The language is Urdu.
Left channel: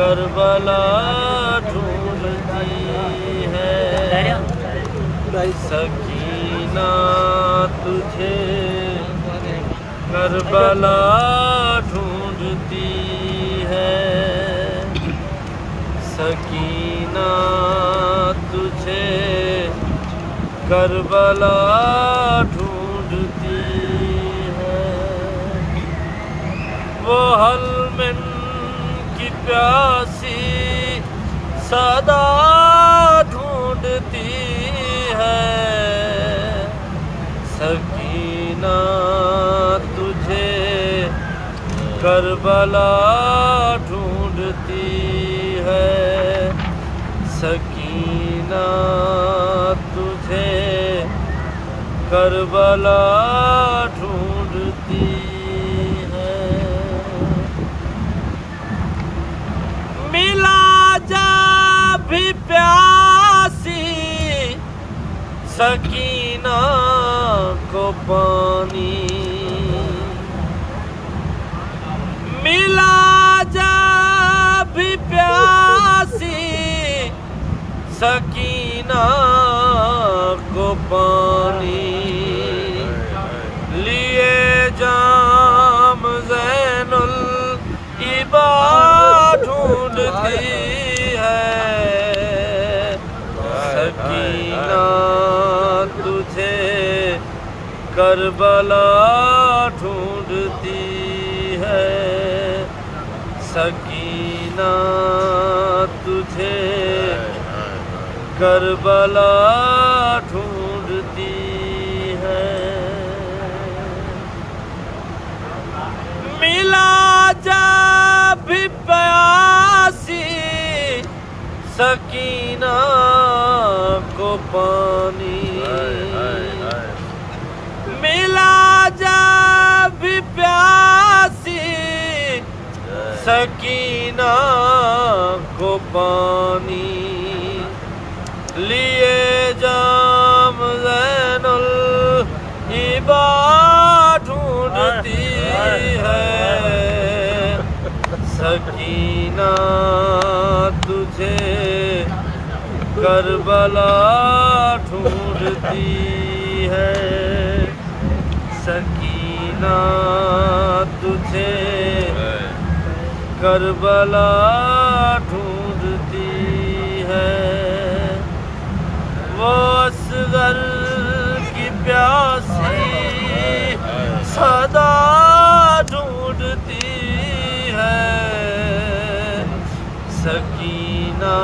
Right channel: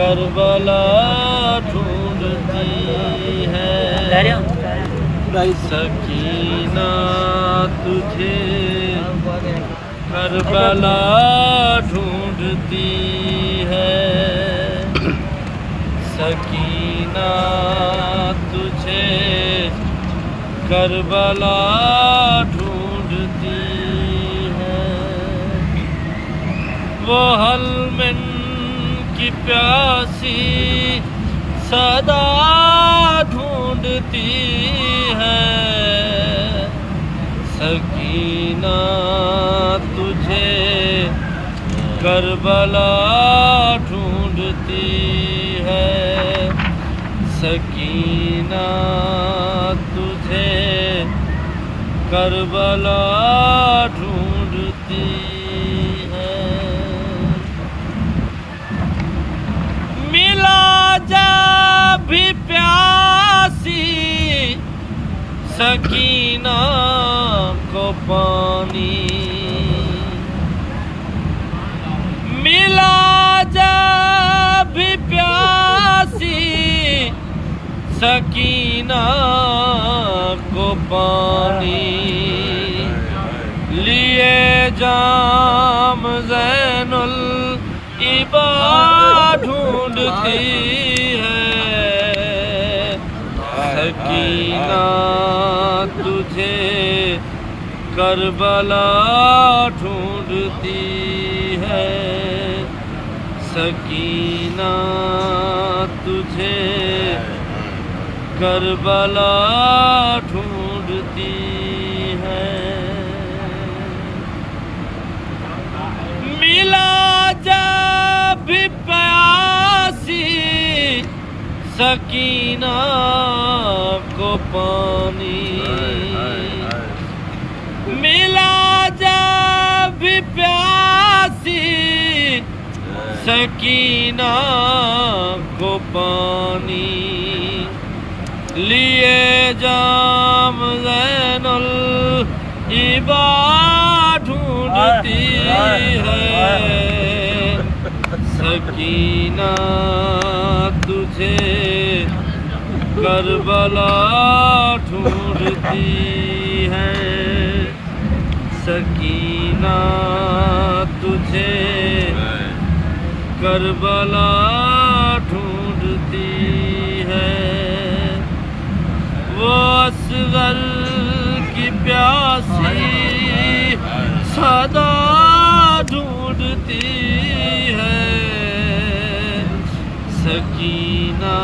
کربلا ڈھونڈتی ہے سکینہ تجھے کربلا ڈھونڈتی ہے سکینہ تجھے کربلا ڈھونڈتی ہے وہ حلمن کی پیاسی صدا ڈھونڈتی ہے سکینہ تجھے کربلا ڈھونڈتی ہے سکینہ تجھے کربلا ڈھونڈتی ہے ملا جب بھی پیاسی سکینہ کو پانی ملا جب بھی پیاسی سکینہ کو پانی لیے جام زین العبا ڈھونڈتی ہے سکینہ تجھے کربلا ڈھونڈتی ہے سکینہ تجھے کربلا ڈھونڈتی ہے ملا جب بھی پیاسی سکینہ کو پانی ملا جب بھی پیاسی سکینہ کو پانی لیے جام زین العبا ڈھونڈتی ہے سکینہ تجھے کربلا ڈھونڈتی ہے سکینہ تجھے کربلا ڈھونڈتی ہے وہ اصغر کی پیاسی صدا ڈھونڈتی ہے سکینہ